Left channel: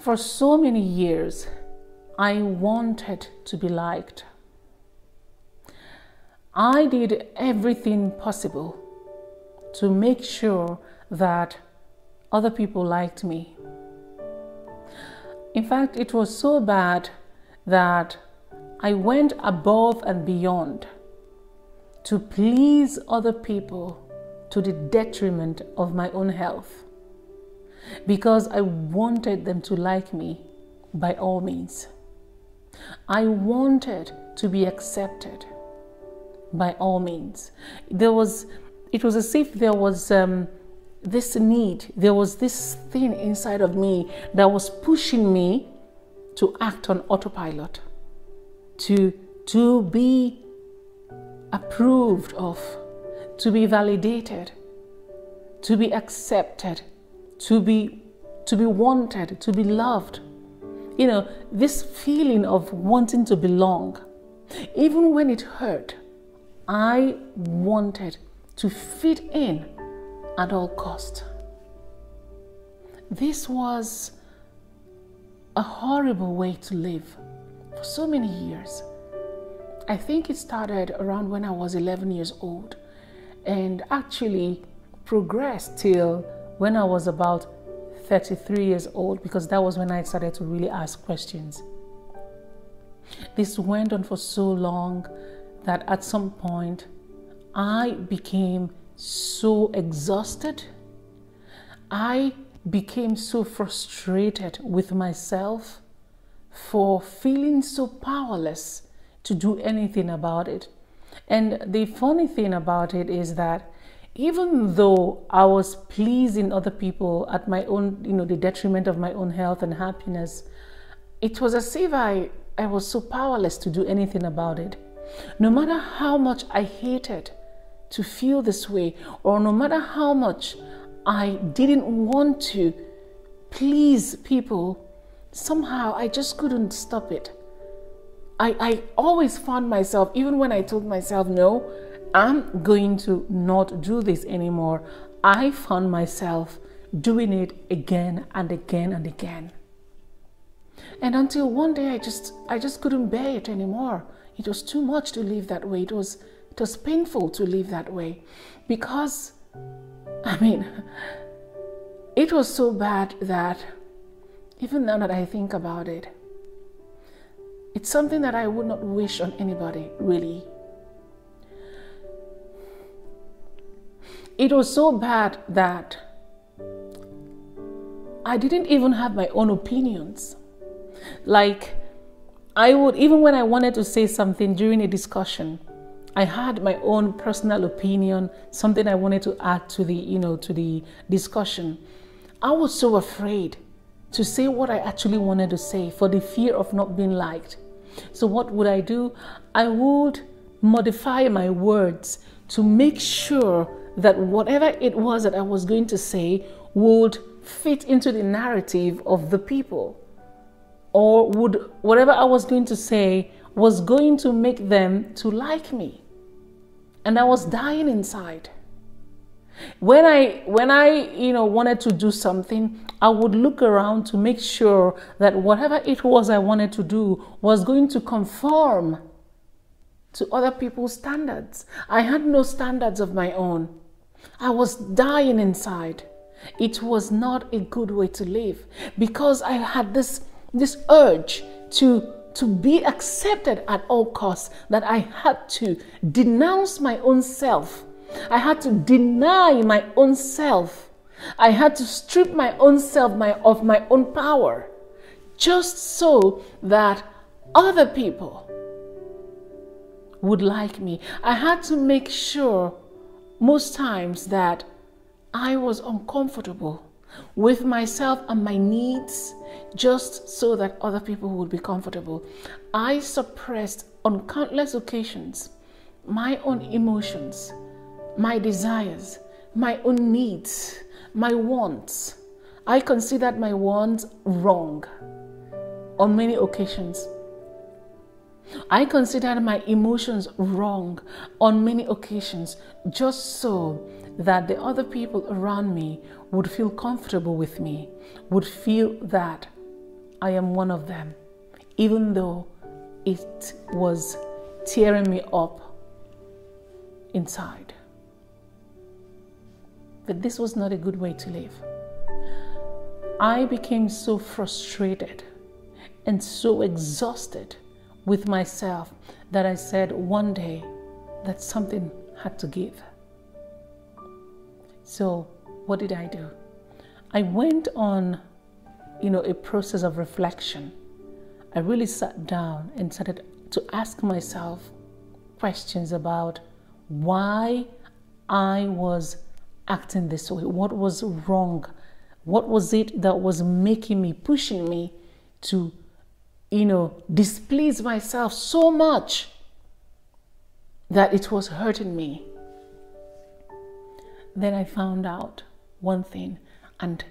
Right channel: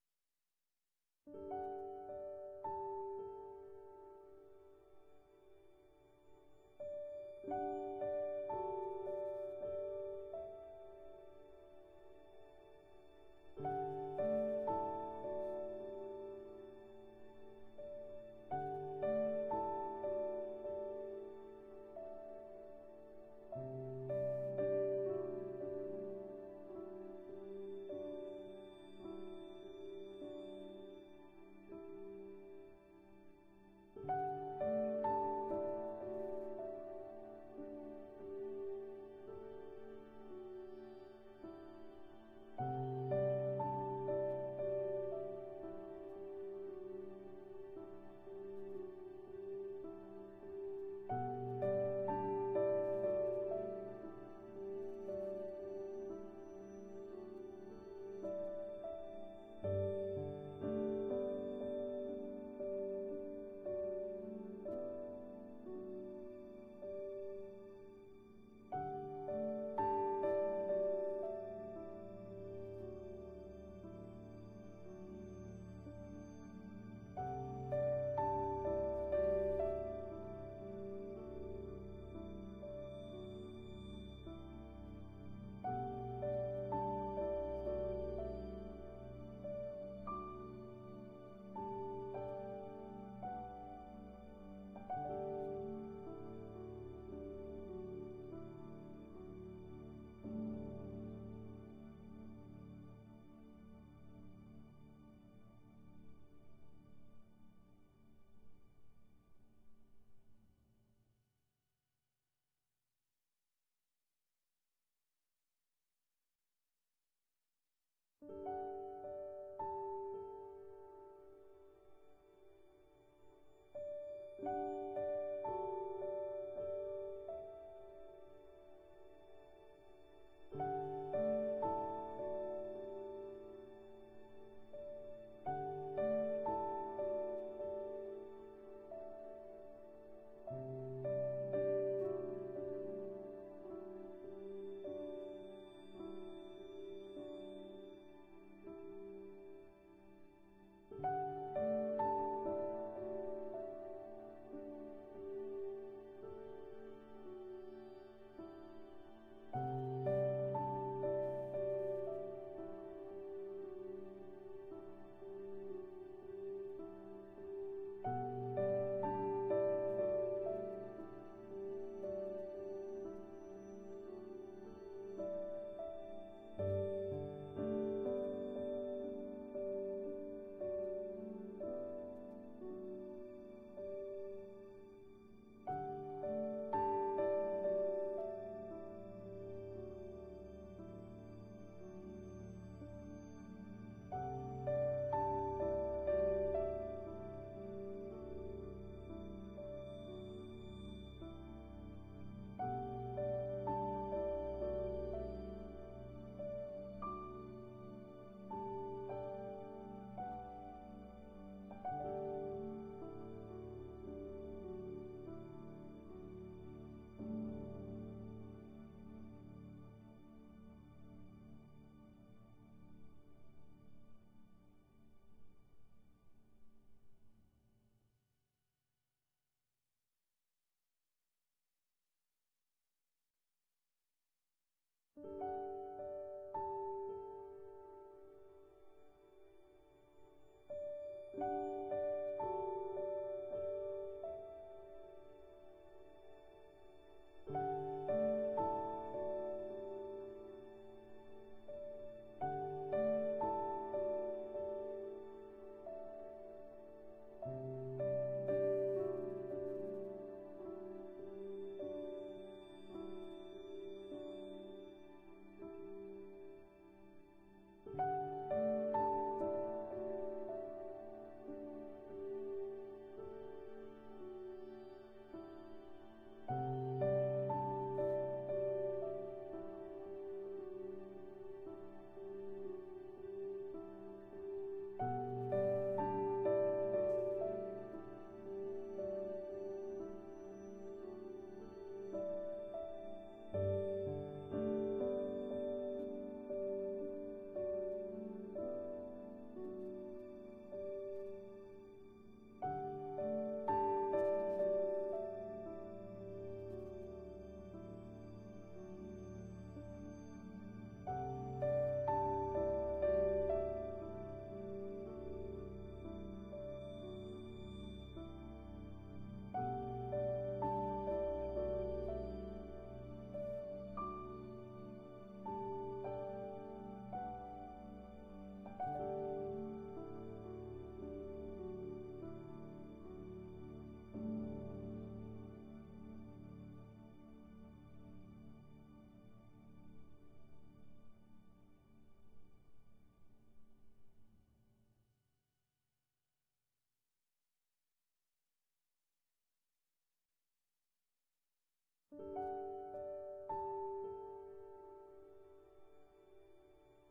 For so many years, I wanted to be liked. I did everything possible to make sure that other people liked me. In fact, it was so bad that I went above and beyond to please other people to the detriment of my own health, because I wanted them to like me by all means. I wanted to be accepted by all means. It was as if there was this need, there was this thing inside of me that was pushing me to act on autopilot, to be approved of, to be validated, to be accepted, to be wanted, to be loved. You know, this feeling of wanting to belong. Even when it hurt, I wanted to fit in at all cost. This was a horrible way to live for so many years. I think it started around when I was 11 years old and actually progressed till when I was about 33 years old, because that was when I started to really ask questions. This went on for so long that at some point I became so exhausted. I became so frustrated with myself for feeling so powerless to do anything about it. And the funny thing about it is that even though I was pleasing other people at my own, the detriment of my own health and happiness, it was as if I was so powerless to do anything about it. No matter how much I hated to feel this way, or no matter how much I didn't want to please people, somehow I just couldn't stop it. I always found myself, even when I told myself, no, I'm going to not do this anymore, I found myself doing it again and again and again. And until one day I just couldn't bear it anymore. It was too much to live that way. It was painful to live that way, because it was so bad that even now that I think about it, it's something that I would not wish on anybody, really. It was so bad that I didn't even have my own opinions. Like, I would, even when I wanted to say something during a discussion, I had my own personal opinion, something I wanted to add to the discussion. I was so afraid to say what I actually wanted to say for the fear of not being liked. So what would I do? I would modify my words to make sure that whatever it was that I was going to say would fit into the narrative of the people, or whatever I was going to say was going to make them to like me. And I was dying inside. When I wanted to do something, I would look around to make sure that whatever it was I wanted to do was going to conform to other people's standards. I had no standards of my own. I was dying inside. It was not a good way to live, because I had this urge to be accepted at all costs, that I had to denounce my own self. I had to deny my own self. I had to strip my own self of my own power, just so that other people would like me. I had to make sure most times that I was uncomfortable with myself and my needs, just so that other people would be comfortable. I suppressed on countless occasions my own emotions, my desires, my own needs, my wants. I considered my wants wrong on many occasions. I considered my emotions wrong on many occasions, just so that the other people around me would feel comfortable with me, would feel that I am one of them, even though it was tearing me up inside. But this was not a good way to live. I became so frustrated and so exhausted with myself that I said one day that something had to give. So what did I do? I went on, a process of reflection. I really sat down and started to ask myself questions about why I was acting this way. What was wrong? What was it that was making me, pushing me to, displease myself so much that it was hurting me? Then I found out one thing, and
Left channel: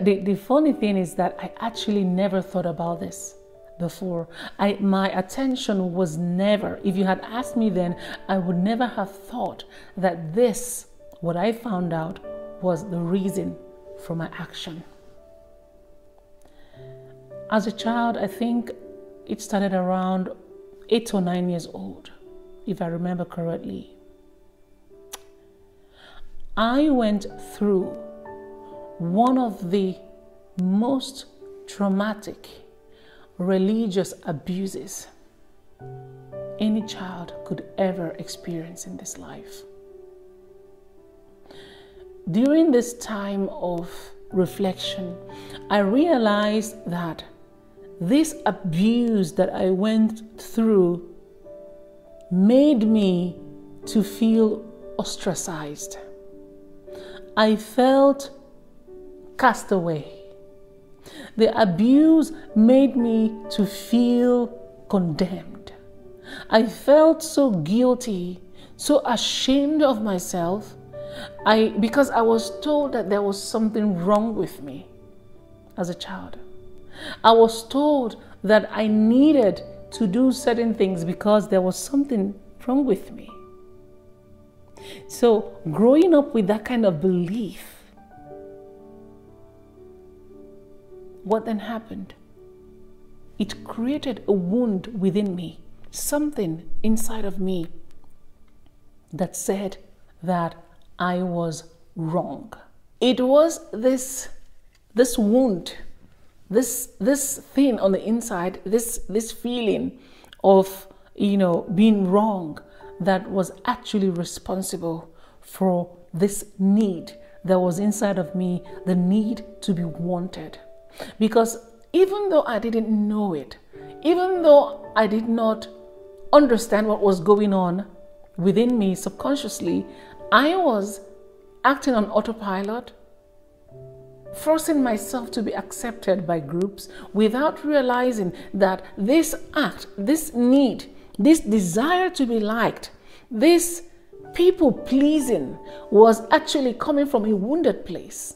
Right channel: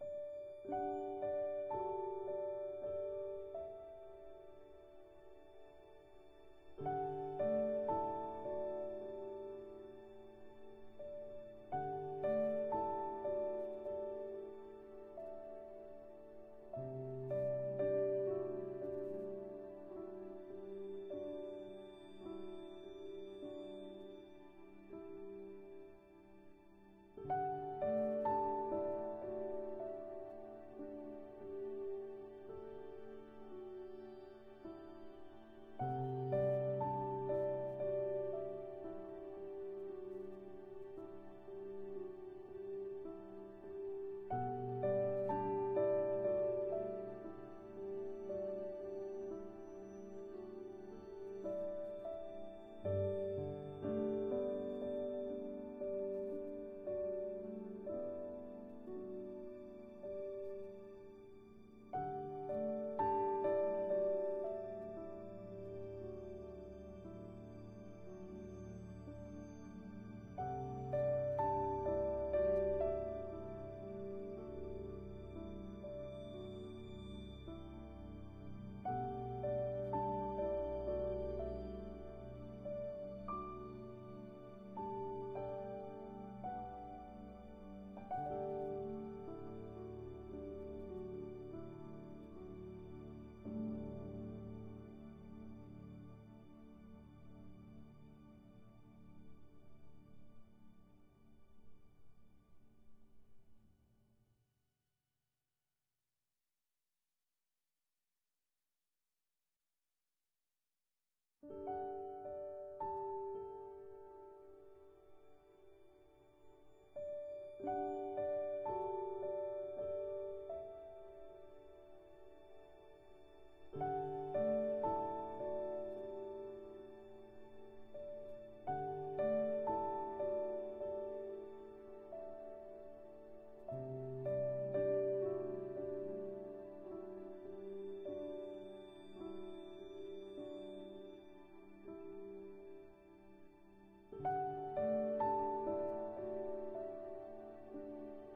the funny thing is that I actually never thought about this before. My attention was never, if you had asked me then, I would never have thought that this, what I found out, was the reason for my action. As a child, I think it started around 8 or 9 years old, if I remember correctly. I went through one of the most traumatic religious abuses any child could ever experience in this life. During this time of reflection, I realized that this abuse that I went through made me to feel ostracized. I felt cast away. The abuse made me to feel condemned. I felt so guilty, so ashamed of myself, because I was told that there was something wrong with me as a child. I was told that I needed to do certain things because there was something wrong with me. So growing up with that kind of belief, what then happened? It created a wound within me, something inside of me that said that I was wrong. It was this wound, this thing on the inside, this feeling of being wrong, that was actually responsible for this need that was inside of me, the need to be wanted. Because even though I didn't know it, even though I did not understand what was going on within me subconsciously, I was acting on autopilot, forcing myself to be accepted by groups without realizing that this act, this need, this desire to be liked, this people pleasing was actually coming from a wounded place.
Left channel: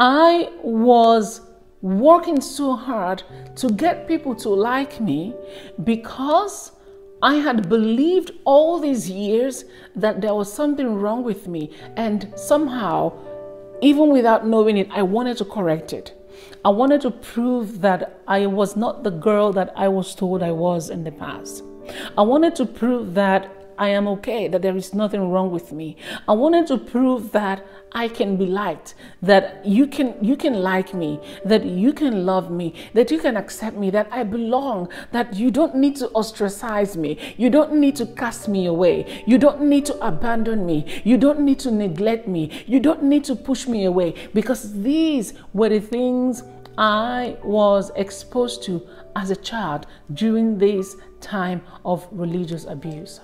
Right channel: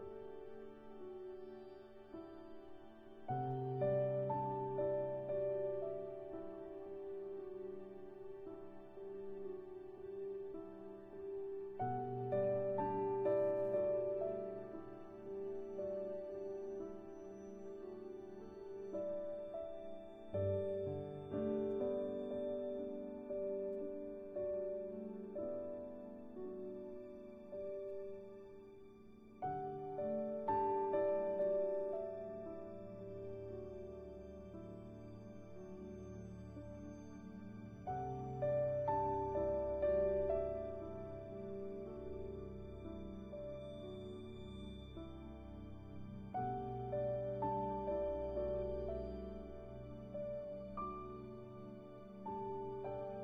I was working so hard to get people to like me because I had believed all these years that there was something wrong with me, and somehow, even without knowing it, I wanted to correct it. I wanted to prove that I was not the girl that I was told I was in the past. I wanted to prove that I am okay, that there is nothing wrong with me. I wanted to prove that I can be liked, that you can like me, that you can love me, that you can accept me, that I belong, that you don't need to ostracize me, you don't need to cast me away, you don't need to abandon me, you don't need to neglect me, you don't need to push me away, because these were the things I was exposed to as a child during this time of religious abuse.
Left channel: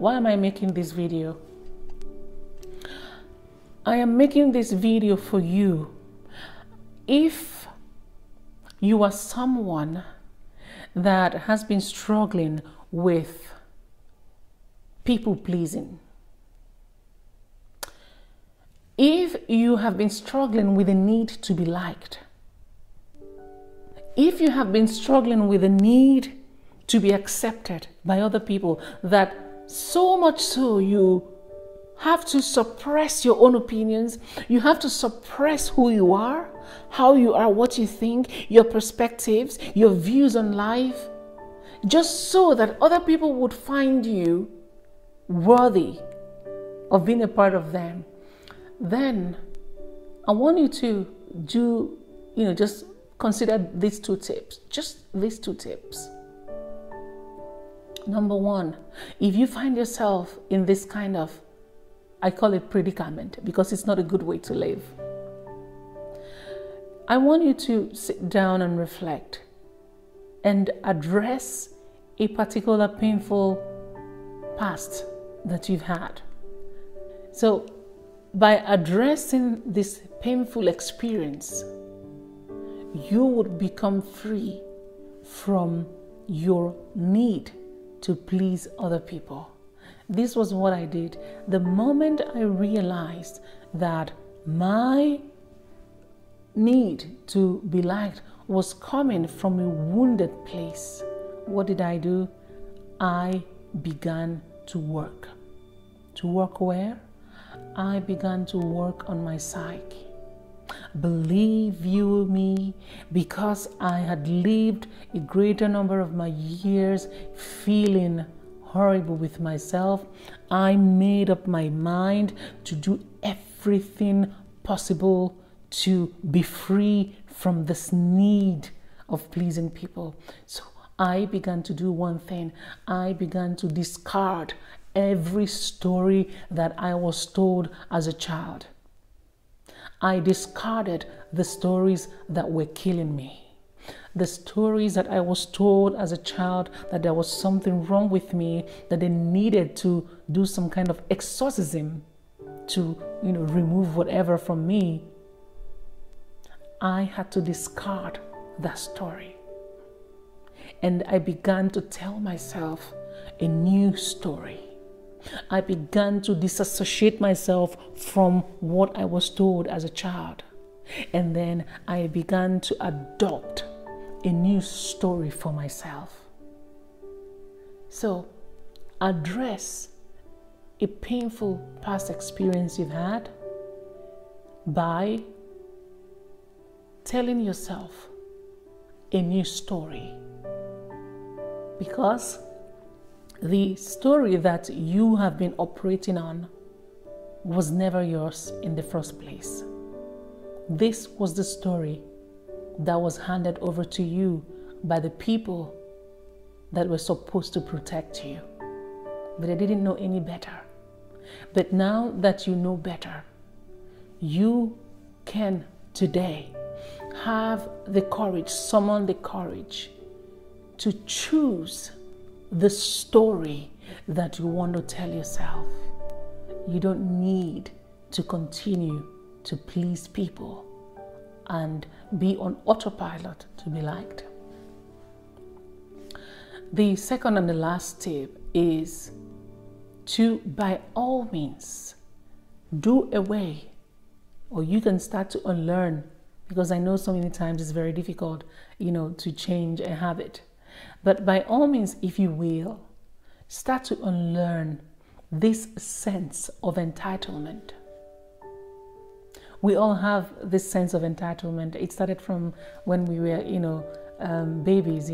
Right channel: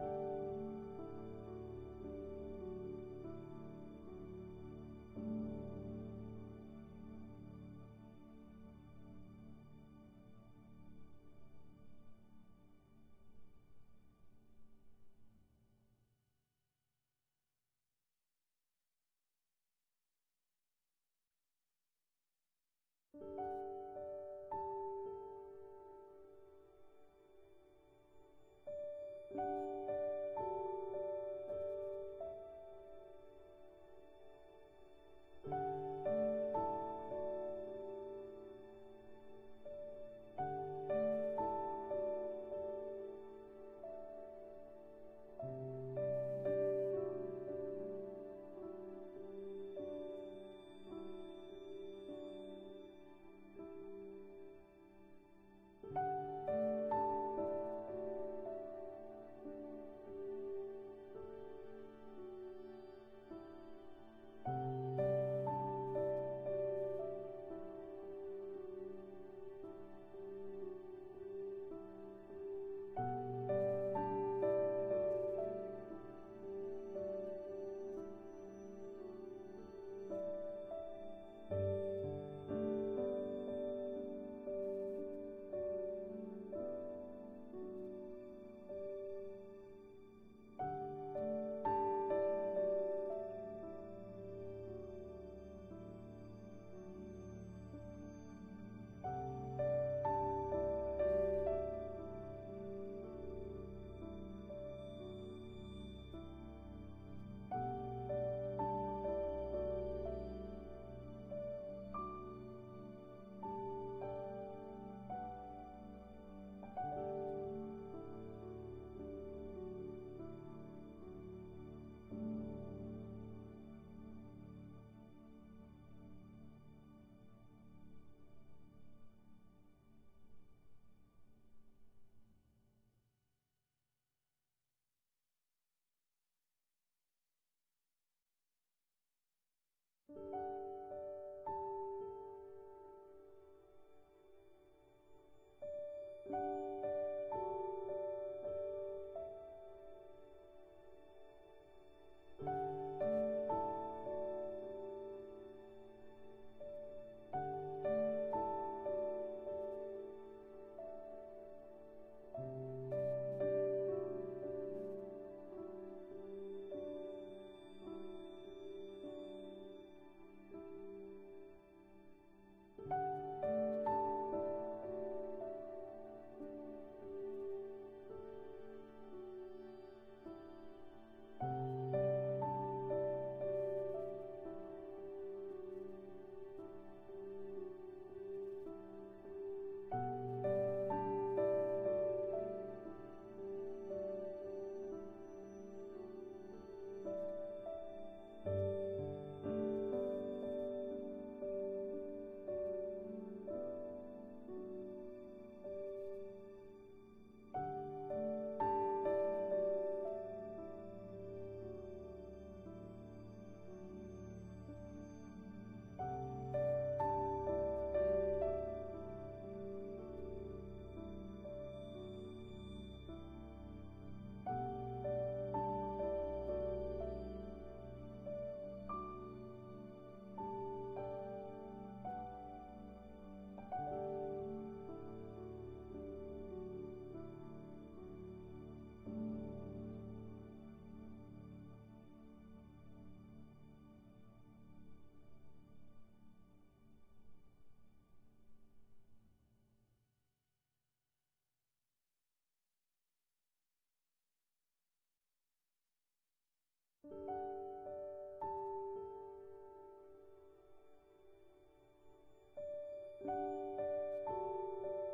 Why am I making this video? I am making this video for you. If you are someone that has been struggling with people pleasing, if you have been struggling with the need to be liked, if you have been struggling with the need to be accepted by other people, that so much so you have to suppress your own opinions. You have to suppress who you are, how you are, what you think, your perspectives, your views on life, just so that other people would find you worthy of being a part of them. Then I want you to do, just consider these 2 tips. Just these 2 tips. Number 1, if you find yourself in this kind of, I call it predicament, because it's not a good way to live, I want you to sit down and reflect and address a particular painful past that you've had. So by addressing this painful experience, you would become free from your need to please other people. This was what I did. The moment I realized that my need to be liked was coming from a wounded place, what did I do? I began to work. To work where? I began to work on my psyche. Believe you me, because I had lived a greater number of my years feeling horrible with myself, I made up my mind to do everything possible to be free from this need of pleasing people. So I began to do one thing. I began to discard every story that I was told as a child. I discarded the stories that were killing me. The stories that I was told as a child that there was something wrong with me, that they needed to do some kind of exorcism to, remove whatever from me. I had to discard that story. And I began to tell myself a new story. I began to disassociate myself from what I was told as a child. And then I began to adopt a new story for myself. So, address a painful past experience you've had by telling yourself a new story. Because the story that you have been operating on was never yours in the first place. This was the story that was handed over to you by the people that were supposed to protect you. But they didn't know any better. But now that you know better, you can today have the courage, summon the courage to choose the story that you want to tell yourself. You don't need to continue to please people and be on autopilot to be liked. The second and the last tip is to, by all means, do away, or you can start to unlearn, because I know so many times it's very difficult, to change a habit. But by all means, if you will, start to unlearn this sense of entitlement. We all have this sense of entitlement. It started from when we were, babies,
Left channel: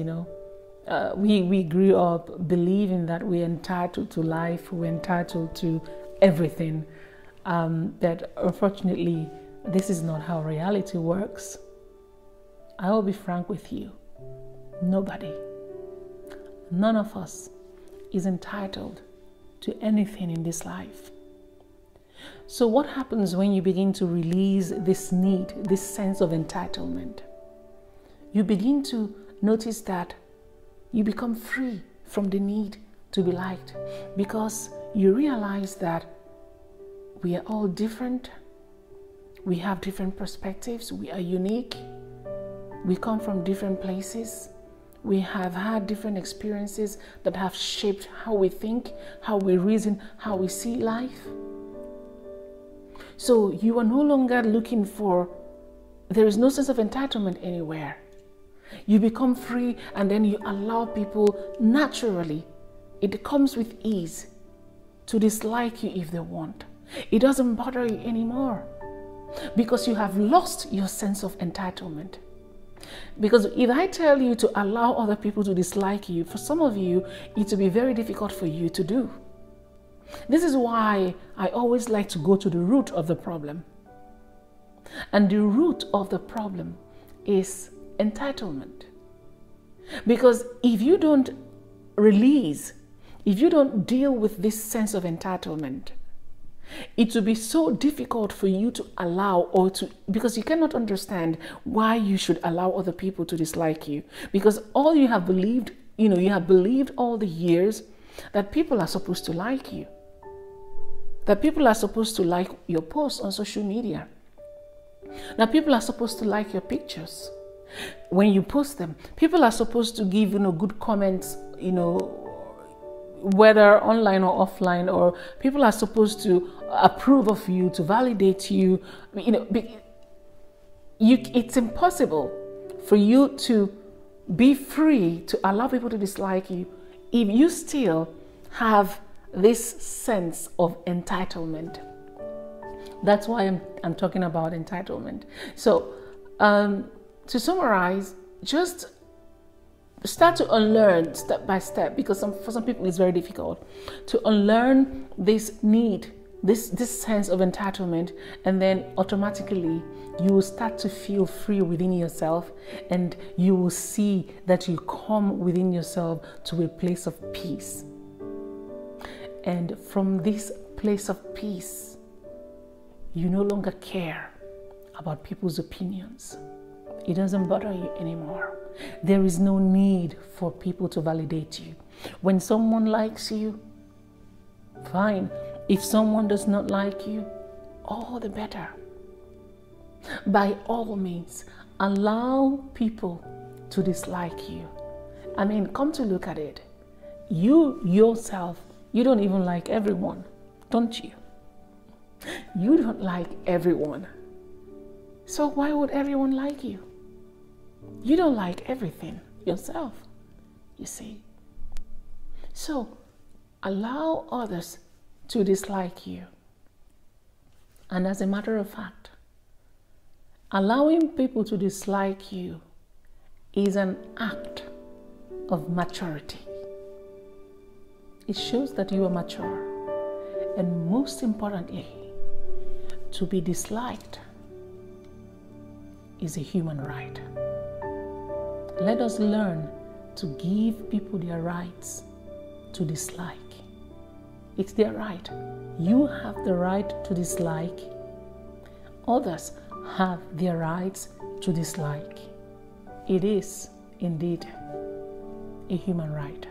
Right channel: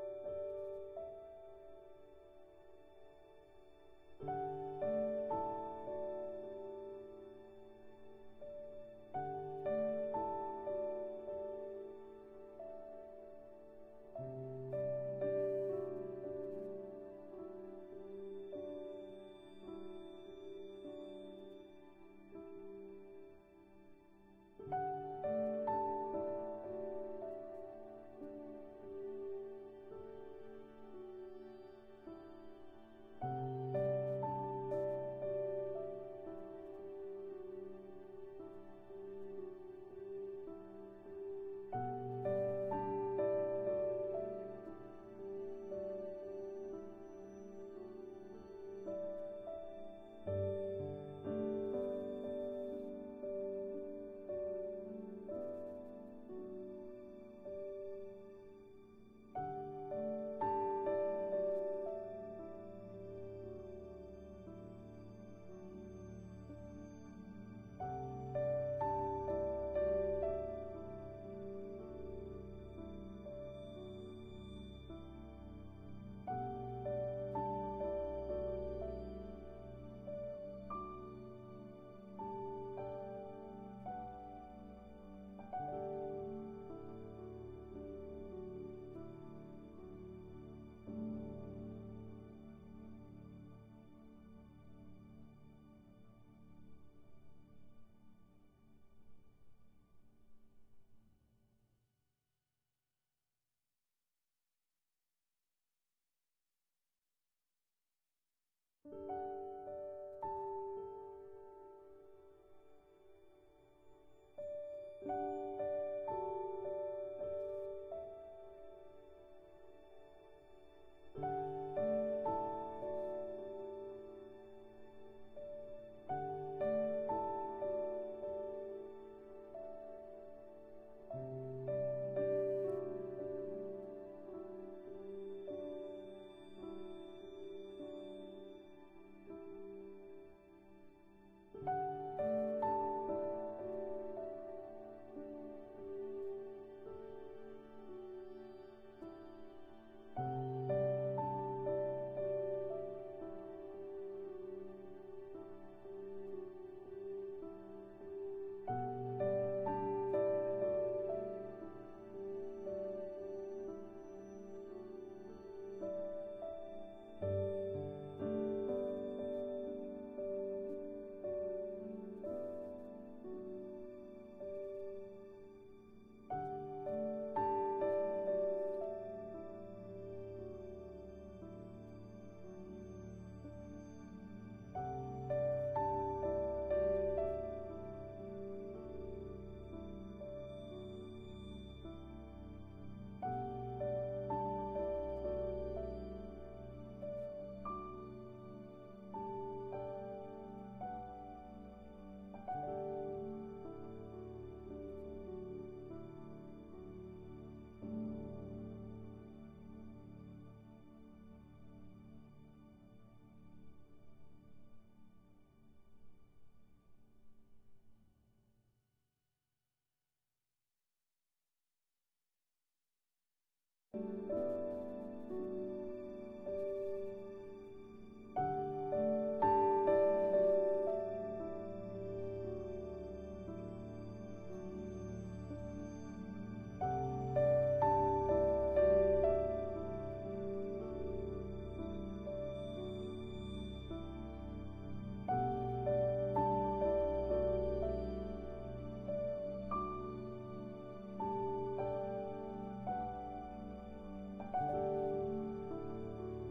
We grew up believing that we're entitled to life, we're entitled to everything. But unfortunately, this is not how reality works. I will be frank with you. None of us is entitled to anything in this life. So what happens when you begin to release this need, this sense of entitlement? You begin to notice that you become free from the need to be liked, because you realize that we are all different. We have different perspectives. We are unique. We come from different places. We have had different experiences that have shaped how we think, how we reason, how we see life. So you are no longer looking for, there is no sense of entitlement anywhere. You become free, and then you allow people naturally, it comes with ease, to dislike you if they want. It doesn't bother you anymore because you have lost your sense of entitlement. Because if I tell you to allow other people to dislike you, for some of you, it will be very difficult for you to do. This is why I always like to go to the root of the problem. And the root of the problem is entitlement. Because if you don't release, if you don't deal with this sense of entitlement, it will be so difficult for you to allow because you cannot understand why you should allow other people to dislike you. Because all you have believed, you have believed all the years that people are supposed to like you. That people are supposed to like your posts on social media. That people are supposed to like your pictures when you post them. People are supposed to give, good comments, whether online or offline, or people are supposed to approve of you, to validate you. It's impossible for you to be free to allow people to dislike you if you still have this sense of entitlement. That's why I'm talking about entitlement. So to summarize, just start to unlearn step by step, because for some people it's very difficult to unlearn this need, this sense of entitlement, and then automatically you will start to feel free within yourself, and you will see that you come within yourself to a place of peace. And from this place of peace, you no longer care about people's opinions. It doesn't bother you anymore. There is no need for people to validate you. When someone likes you, fine. If someone does not like you, all the better. By all means, allow people to dislike you. Come to look at it. You yourself, you don't even like everyone, don't you? You don't like everyone. So why would everyone like you? You don't like everything yourself, you see. So allow others to dislike you. And as a matter of fact, allowing people to dislike you is an act of maturity. It shows that you are mature. And most importantly, to be disliked is a human right. Let us learn to give people their rights to dislike. It's their right. You have the right to dislike. Others have their rights to dislike. It is indeed a human right.